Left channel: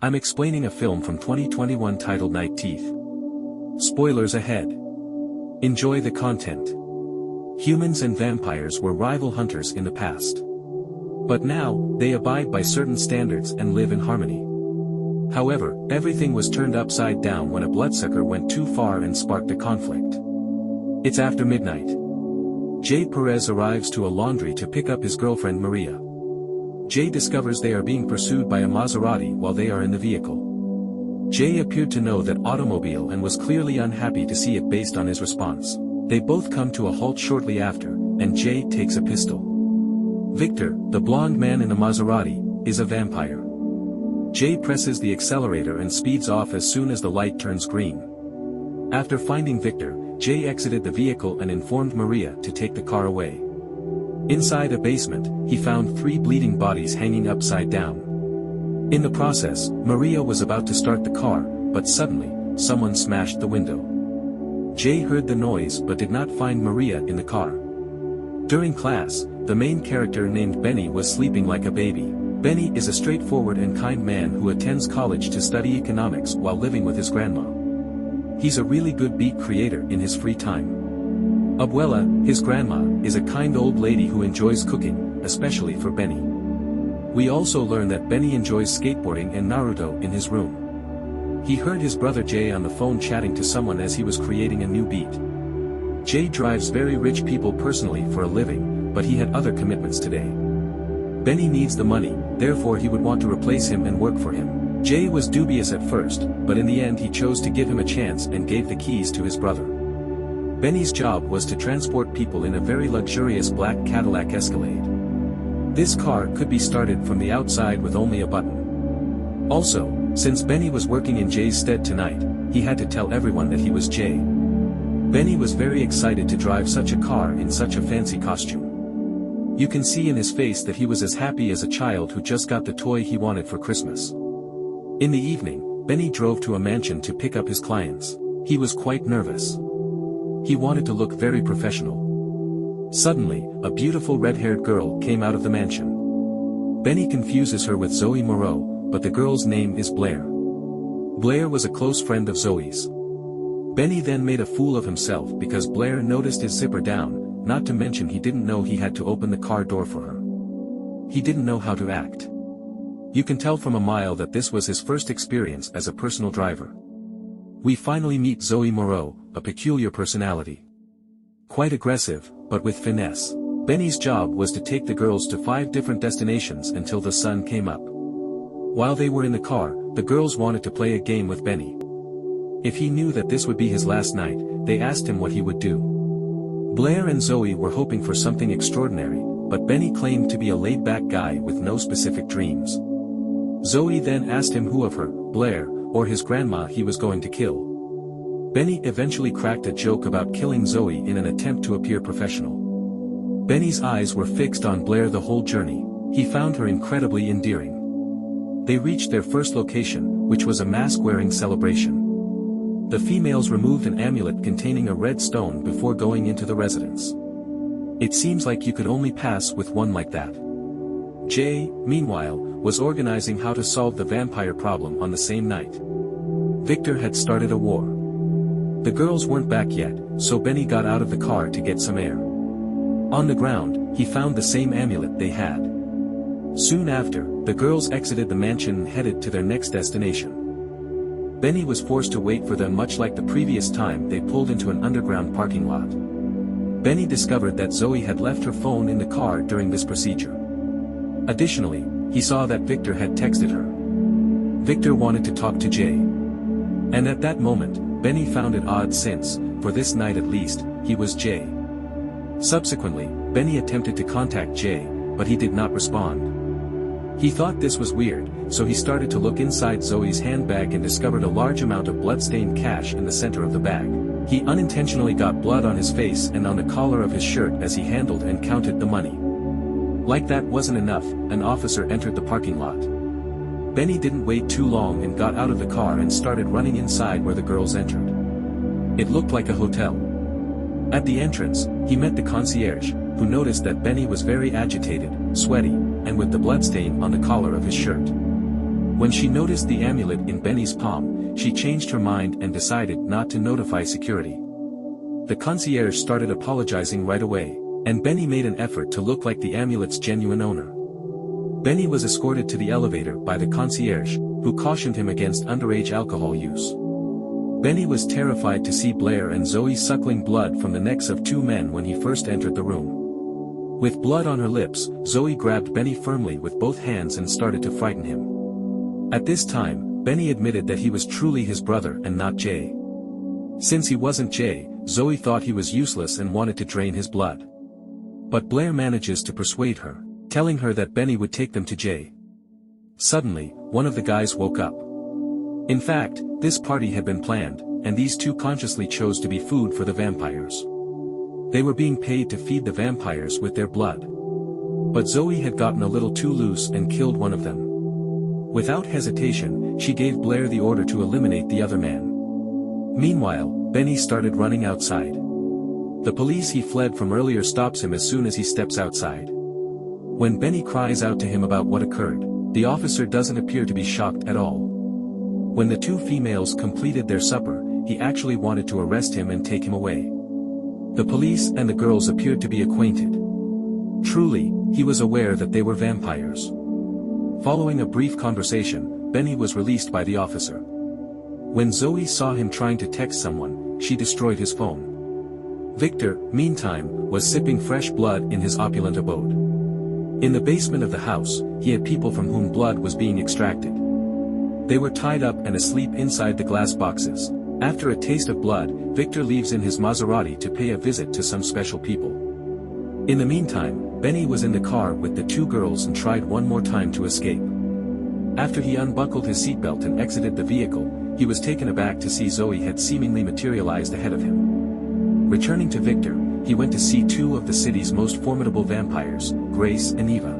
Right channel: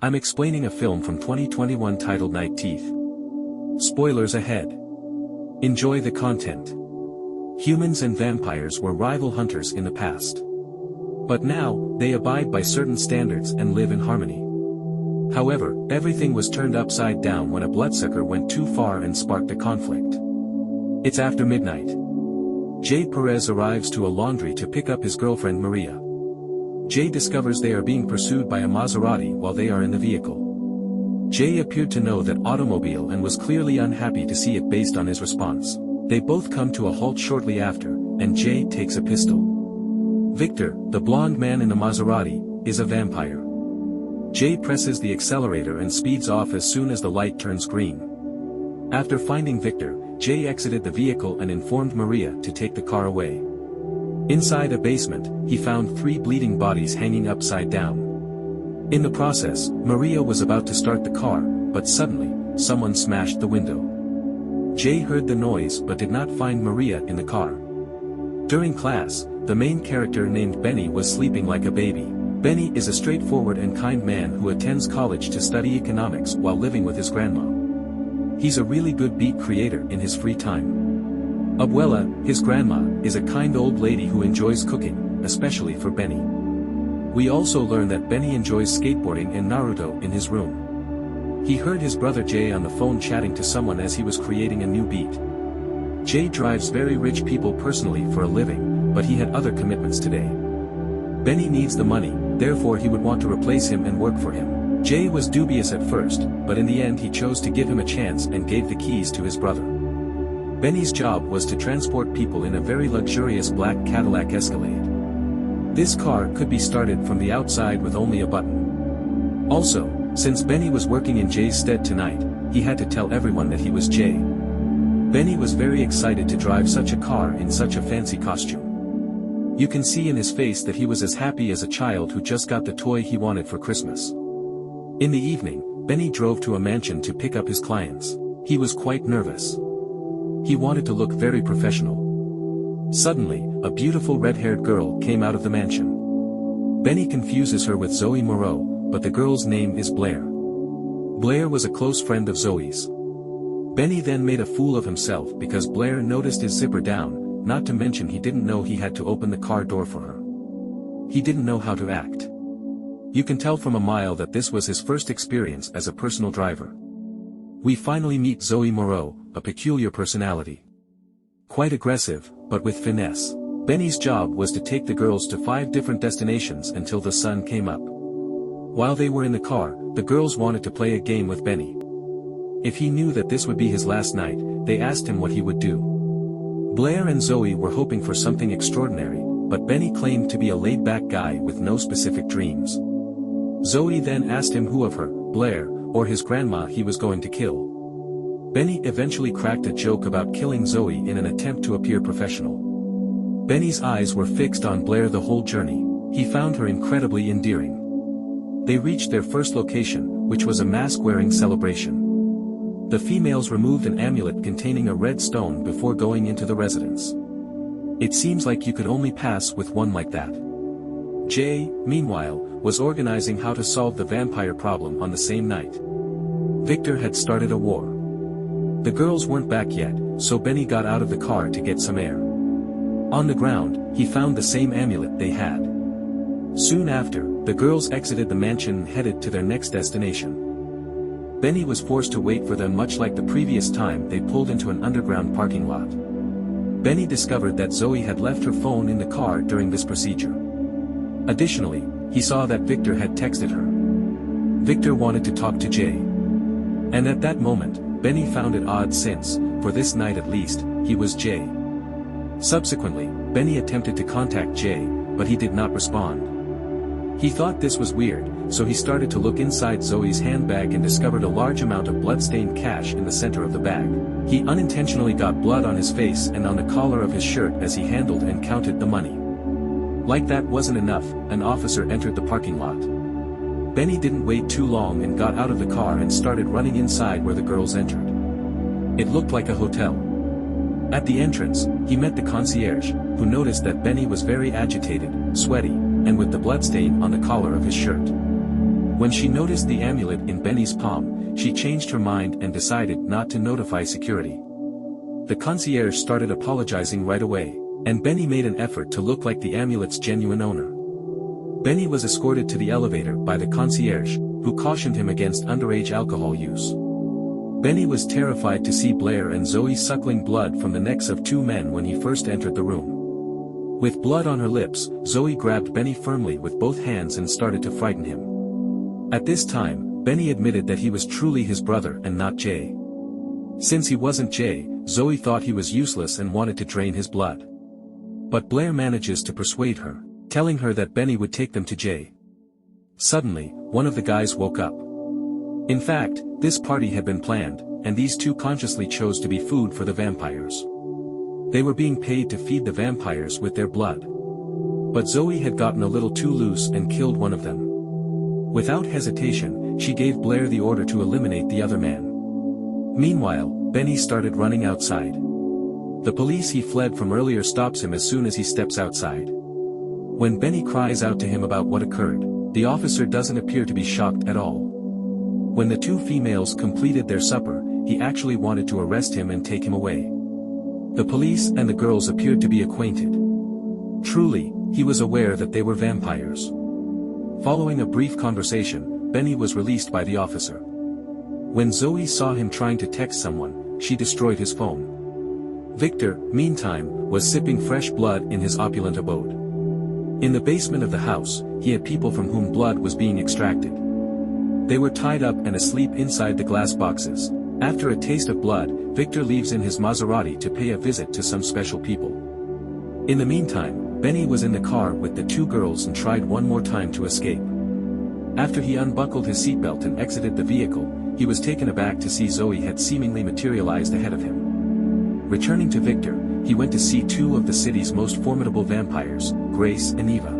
I'm explaining a film from 2021 titled Night Teeth. Spoilers ahead. Enjoy the content. Humans and vampires were rival hunters in the past. But now, they abide by certain standards and live in harmony. However, everything was turned upside down when a bloodsucker went too far and sparked a conflict. It's after midnight. Jay Perez arrives to a laundry to pick up his girlfriend Maria. Jay discovers they are being pursued by a Maserati while they are in the vehicle. Jay appeared to know that automobile and was clearly unhappy to see it based on his response. They both come to a halt shortly after, and Jay takes a pistol. Victor, the blonde man in the Maserati, is a vampire. Jay presses the accelerator and speeds off as soon as the light turns green. After finding Victor, Jay exited the vehicle and informed Maria to take the car away. Inside a basement, he found 3 bleeding bodies hanging upside down. In the process, Maria was about to start the car, but suddenly, someone smashed the window. Jay heard the noise but did not find Maria in the car. During class, the main character named Benny was sleeping like a baby. Benny is a straightforward and kind man who attends college to study economics while living with his grandma. He's a really good beat creator in his free time. Abuela, his grandma, is a kind old lady who enjoys cooking, especially for Benny. We also learn that Benny enjoys skateboarding and Naruto in his room. He heard his brother Jay on the phone chatting to someone as he was creating a new beat. Jay drives very rich people personally for a living, but he had other commitments today. Benny needs the money, therefore he would want to replace him and work for him. Jay was dubious at first, but in the end he chose to give him a chance and gave the keys to his brother. Benny's job was to transport people in a very luxurious black Cadillac Escalade. This car could be started from the outside with only a button. Also, since Benny was working in Jay's stead tonight, he had to tell everyone that he was Jay. Benny was very excited to drive such a car in such a fancy costume. You can see in his face that he was as happy as a child who just got the toy he wanted for Christmas. In the evening, Benny drove to a mansion to pick up his clients. He was quite nervous. He wanted to look very professional. Suddenly, a beautiful red-haired girl came out of the mansion. Benny confuses her with Zoe Moreau, but the girl's name is Blaire. Blaire was a close friend of Zoe's. Benny then made a fool of himself because Blaire noticed his zipper down, not to mention he didn't know he had to open the car door for her. He didn't know how to act. You can tell from a mile that this was his first experience as a personal driver. We finally meet Zoe Moreau, a peculiar personality. Quite aggressive, but with finesse. Benny's job was to take the girls to 5 different destinations until the sun came up. While they were in the car, the girls wanted to play a game with Benny. If he knew that this would be his last night, they asked him what he would do. Blaire and Zoe were hoping for something extraordinary, but Benny claimed to be a laid-back guy with no specific dreams. Zoe then asked him who of her, Blaire, or his grandma he was going to kill. Benny eventually cracked a joke about killing Zoe in an attempt to appear professional. Benny's eyes were fixed on Blaire the whole journey. He found her incredibly endearing. They reached their first location, which was a mask-wearing celebration. The females removed an amulet containing a red stone before going into the residence. It seems like you could only pass with one like that. Jay, meanwhile, was organizing how to solve the vampire problem on the same night. Victor had started a war. The girls weren't back yet, so Benny got out of the car to get some air. On the ground, he found the same amulet they had. Soon after, the girls exited the mansion and headed to their next destination. Benny was forced to wait for them much like the previous time they pulled into an underground parking lot. Benny discovered that Zoe had left her phone in the car during this procedure. Additionally, he saw that Victor had texted her. Victor wanted to talk to Jay. And at that moment, Benny found it odd since, for this night at least, he was Jay. Subsequently, Benny attempted to contact Jay, but he did not respond. He thought this was weird, so he started to look inside Zoe's handbag and discovered a large amount of blood-stained cash in the center of the bag. He unintentionally got blood on his face and on the collar of his shirt as he handled and counted the money. Like that wasn't enough, an officer entered the parking lot. Benny didn't wait too long and got out of the car and started running inside where the girls entered. It looked like a hotel. At the entrance, he met the concierge, who noticed that Benny was very agitated, sweaty, and with the bloodstain on the collar of his shirt. When she noticed the amulet in Benny's palm, she changed her mind and decided not to notify security. The concierge started apologizing right away, and Benny made an effort to look like the amulet's genuine owner. Benny was escorted to the elevator by the concierge, who cautioned him against underage alcohol use. Benny was terrified to see Blaire and Zoe suckling blood from the necks of two men when he first entered the room. With blood on her lips, Zoe grabbed Benny firmly with both hands and started to frighten him. At this time, Benny admitted that he was truly his brother and not Jay. Since he wasn't Jay, Zoe thought he was useless and wanted to drain his blood. But Blaire manages to persuade her, telling her that Benny would take them to Jay. Suddenly, one of the guys woke up. In fact, this party had been planned, and these two consciously chose to be food for the vampires. They were being paid to feed the vampires with their blood. But Zoe had gotten a little too loose and killed one of them. Without hesitation, she gave Blaire the order to eliminate the other man. Meanwhile, Benny started running outside. The police he fled from earlier stops him as soon as he steps outside. When Benny cries out to him about what occurred, the officer doesn't appear to be shocked at all. When the two females completed their supper, he actually wanted to arrest him and take him away. The police and the girls appeared to be acquainted. Truly, he was aware that they were vampires. Following a brief conversation, Benny was released by the officer. When Zoe saw him trying to text someone, she destroyed his phone. Victor, meantime, was sipping fresh blood in his opulent abode. In the basement of the house, he had people from whom blood was being extracted. They were tied up and asleep inside the glass boxes. After a taste of blood, Victor leaves in his Maserati to pay a visit to some special people. In the meantime, Benny was in the car with the two girls and tried one more time to escape. After he unbuckled his seatbelt and exited the vehicle, he was taken aback to see Zoe had seemingly materialized ahead of him. Returning to Victor, he went to see two of the city's most formidable vampires, Grace and Eva.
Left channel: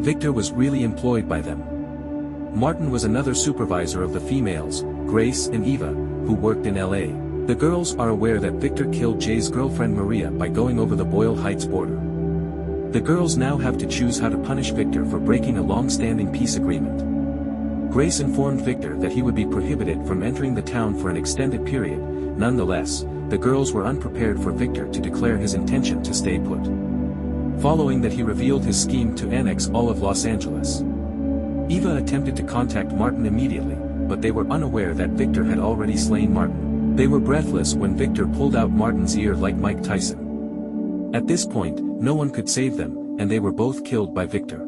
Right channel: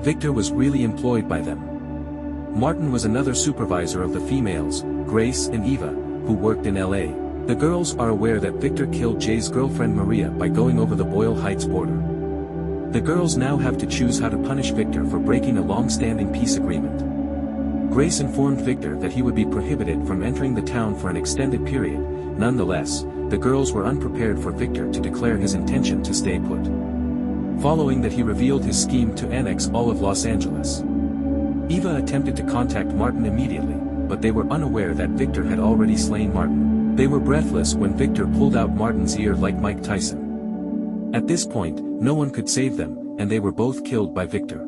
Victor was really employed by them. Martin was another supervisor of the females, Grace and Eva, who worked in LA. The girls are aware that Victor killed Jay's girlfriend Maria by going over the Boyle Heights border. The girls now have to choose how to punish Victor for breaking a long-standing peace agreement. Grace informed Victor that he would be prohibited from entering the town for an extended period. Nonetheless, the girls were unprepared for Victor to declare his intention to stay put. Following that, he revealed his scheme to annex all of Los Angeles. Eva attempted to contact Martin immediately, but they were unaware that Victor had already slain Martin. They were breathless when Victor pulled out Martin's ear like Mike Tyson. At this point, no one could save them, and they were both killed by Victor.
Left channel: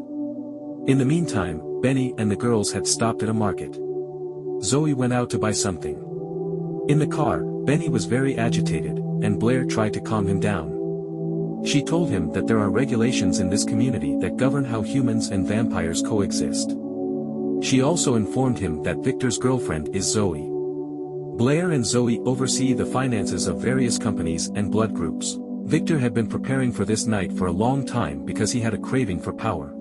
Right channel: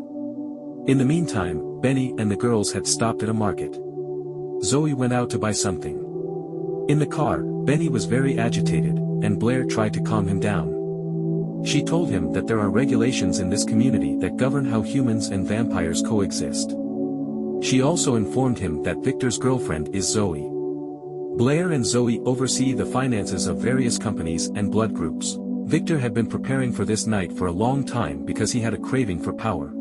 In the meantime, Benny and the girls had stopped at a market. Zoe went out to buy something. In the car, Benny was very agitated, and Blaire tried to calm him down. She told him that there are regulations in this community that govern how humans and vampires coexist. She also informed him that Victor's girlfriend is Zoe. Blaire and Zoe oversee the finances of various companies and blood groups. Victor had been preparing for this night for a long time because he had a craving for power.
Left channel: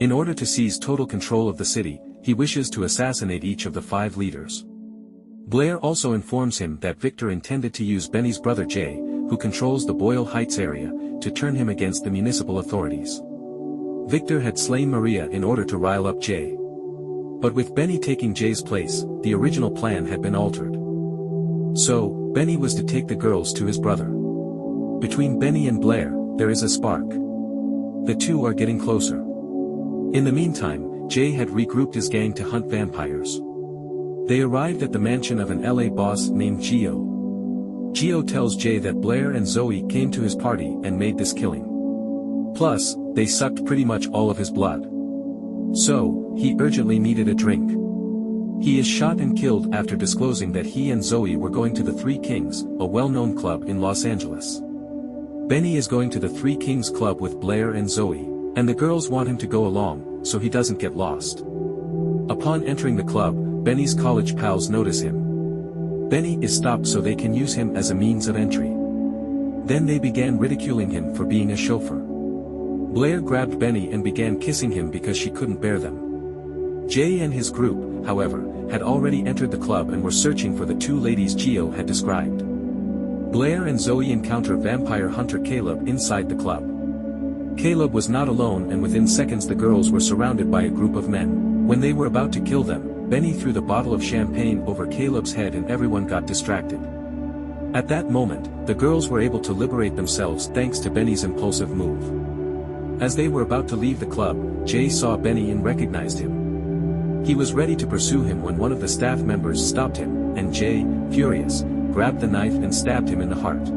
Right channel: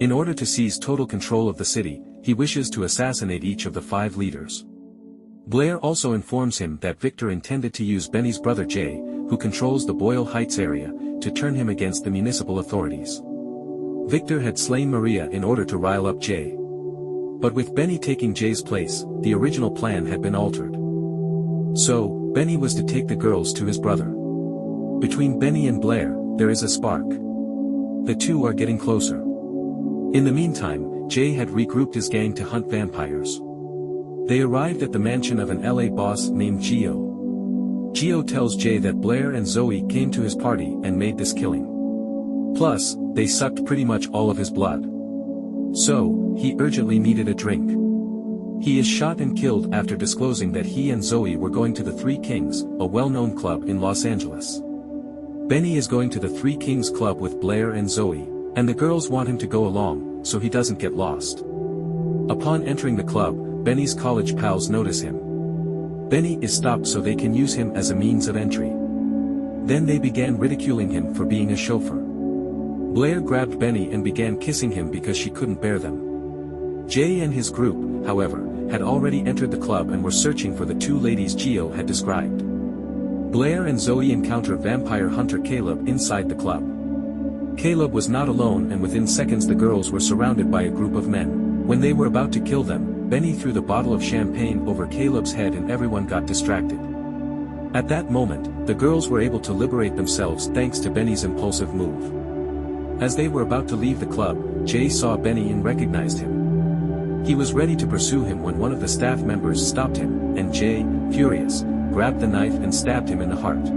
In order to seize total control of the city, he wishes to assassinate each of the 5 leaders. Blaire also informs him that Victor intended to use Benny's brother Jay, who controls the Boyle Heights area, to turn him against the municipal authorities. Victor had slain Maria in order to rile up Jay. But with Benny taking Jay's place, the original plan had been altered. So, Benny was to take the girls to his brother. Between Benny and Blaire, there is a spark. The two are getting closer. In the meantime, Jay had regrouped his gang to hunt vampires. They arrived at the mansion of an LA boss named Gio. Gio tells Jay that Blaire and Zoe came to his party and made this killing. Plus, they sucked pretty much all of his blood. So, he urgently needed a drink. He is shot and killed after disclosing that he and Zoe were going to the Three Kings, a well-known club in Los Angeles. Benny is going to the Three Kings club with Blaire and Zoe, and the girls want him to go along, so he doesn't get lost. Upon entering the club, Benny's college pals notice him. Benny is stopped so they can use him as a means of entry. Then they began ridiculing him for being a chauffeur. Blaire grabbed Benny and began kissing him because she couldn't bear them. Jay and his group, however, had already entered the club and were searching for the two ladies Gio had described. Blaire and Zoe encounter vampire hunter Caleb inside the club. Caleb was not alone, and within seconds the girls were surrounded by a group of men. When they were about to kill them, Benny threw the bottle of champagne over Caleb's head and everyone got distracted. At that moment, the girls were able to liberate themselves thanks to Benny's impulsive move. As they were about to leave the club, Jay saw Benny and recognized him. He was ready to pursue him when one of the staff members stopped him, and Jay, furious, grabbed the knife and stabbed him in the heart.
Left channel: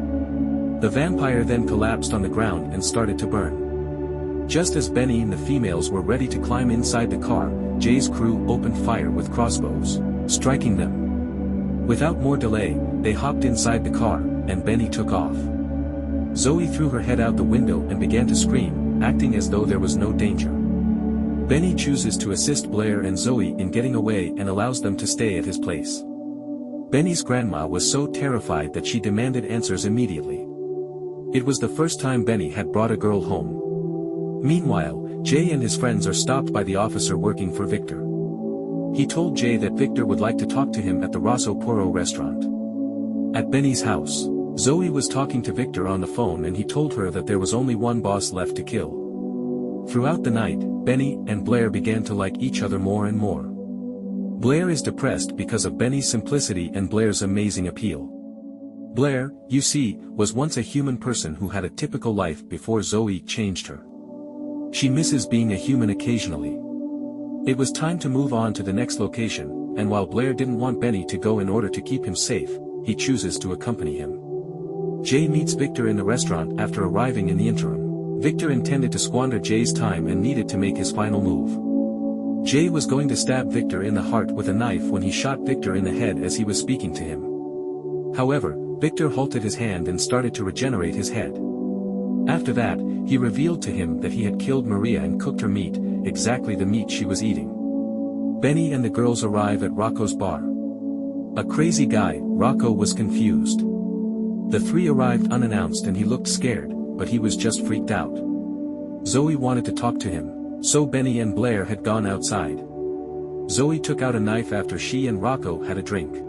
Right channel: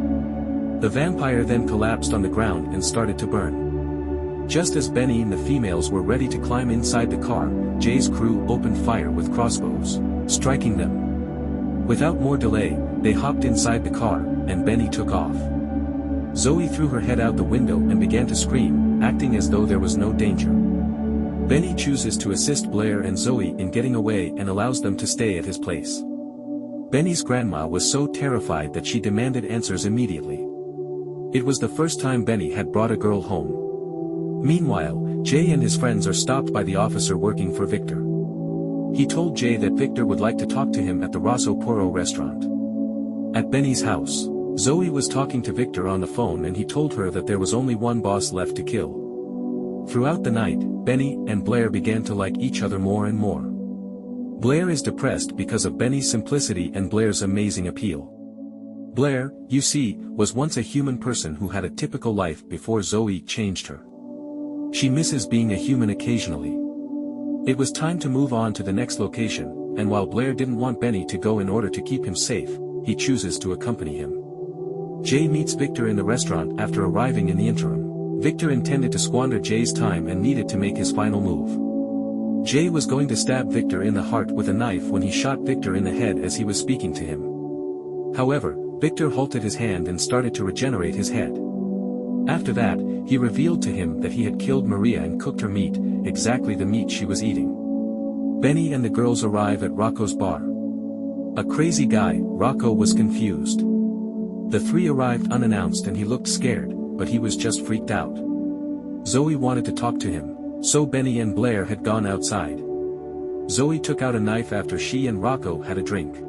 The vampire then collapsed on the ground and started to burn. Just as Benny and the females were ready to climb inside the car, Jay's crew opened fire with crossbows, striking them. Without more delay, they hopped inside the car, and Benny took off. Zoe threw her head out the window and began to scream, acting as though there was no danger. Benny chooses to assist Blaire and Zoe in getting away and allows them to stay at his place. Benny's grandma was so terrified that she demanded answers immediately. It was the first time Benny had brought a girl home. Meanwhile, Jay and his friends are stopped by the officer working for Victor. He told Jay that Victor would like to talk to him at the Rosso Porro restaurant. At Benny's house, Zoe was talking to Victor on the phone and he told her that there was only one boss left to kill. Throughout the night, Benny and Blaire began to like each other more and more. Blaire is depressed because of Benny's simplicity and Blaire's amazing appeal. Blaire, you see, was once a human person who had a typical life before Zoe changed her. She misses being a human occasionally. It was time to move on to the next location, and while Blaire didn't want Benny to go in order to keep him safe, he chooses to accompany him. Jay meets Victor in the restaurant after arriving in the interim. Victor intended to squander Jay's time and needed to make his final move. Jay was going to stab Victor in the heart with a knife when he shot Victor in the head as he was speaking to him. However, Victor halted his hand and started to regenerate his head. After that, he revealed to him that he had killed Maria and cooked her meat, exactly the meat she was eating. Benny and the girls arrive at Rocco's bar. A crazy guy, Rocco was confused. The three arrived unannounced and he looked scared, but he was just freaked out. Zoe wanted to talk to him, so Benny and Blaire had gone outside. Zoe took out a knife after she and Rocco had a drink.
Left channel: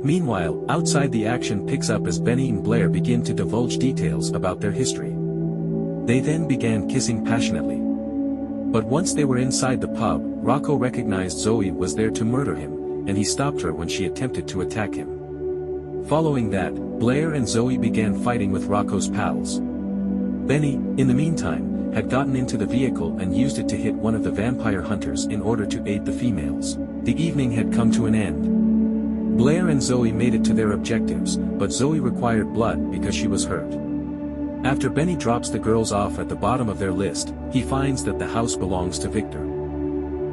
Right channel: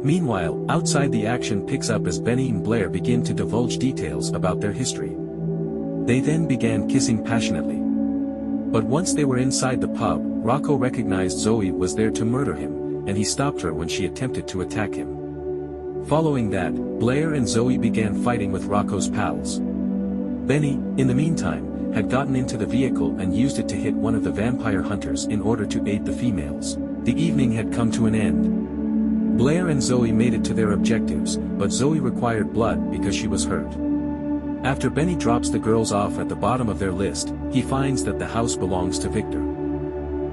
Meanwhile, outside the action picks up as Benny and Blaire begin to divulge details about their history. They then began kissing passionately. But once they were inside the pub, Rocco recognized Zoe was there to murder him, and he stopped her when she attempted to attack him. Following that, Blaire and Zoe began fighting with Rocco's pals. Benny, in the meantime, had gotten into the vehicle and used it to hit one of the vampire hunters in order to aid the females. The evening had come to an end. Blaire and Zoe made it to their objectives, but Zoe required blood because she was hurt. After Benny drops the girls off at the bottom of their list, he finds that the house belongs to Victor.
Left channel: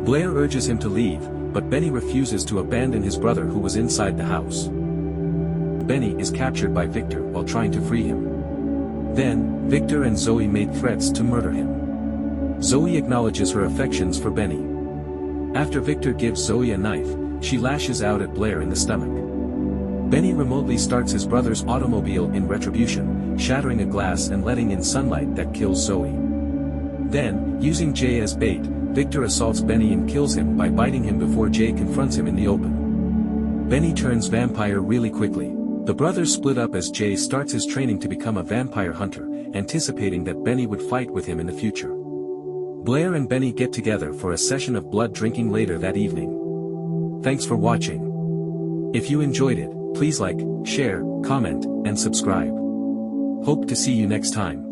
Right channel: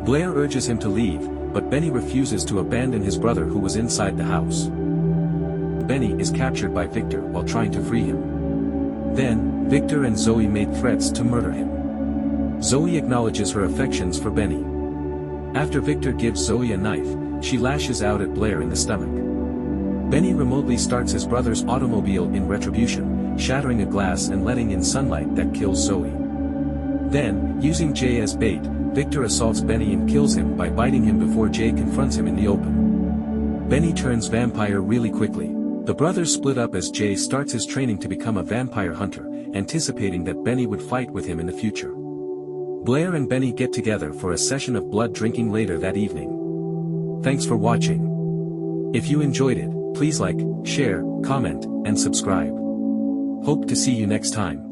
Blaire urges him to leave, but Benny refuses to abandon his brother who was inside the house. Benny is captured by Victor while trying to free him. Then, Victor and Zoe made threats to murder him. Zoe acknowledges her affections for Benny. After Victor gives Zoe a knife, she lashes out at Blaire in the stomach. Benny remotely starts his brother's automobile in retribution, shattering a glass and letting in sunlight that kills Zoe. Then, using Jay as bait, Victor assaults Benny and kills him by biting him before Jay confronts him in the open. Benny turns vampire really quickly. The brothers split up as Jay starts his training to become a vampire hunter, anticipating that Benny would fight with him in the future. Blaire and Benny get together for a session of blood drinking later that evening. Thanks for watching. If you enjoyed it, please like, share, comment, and subscribe. Hope to see you next time.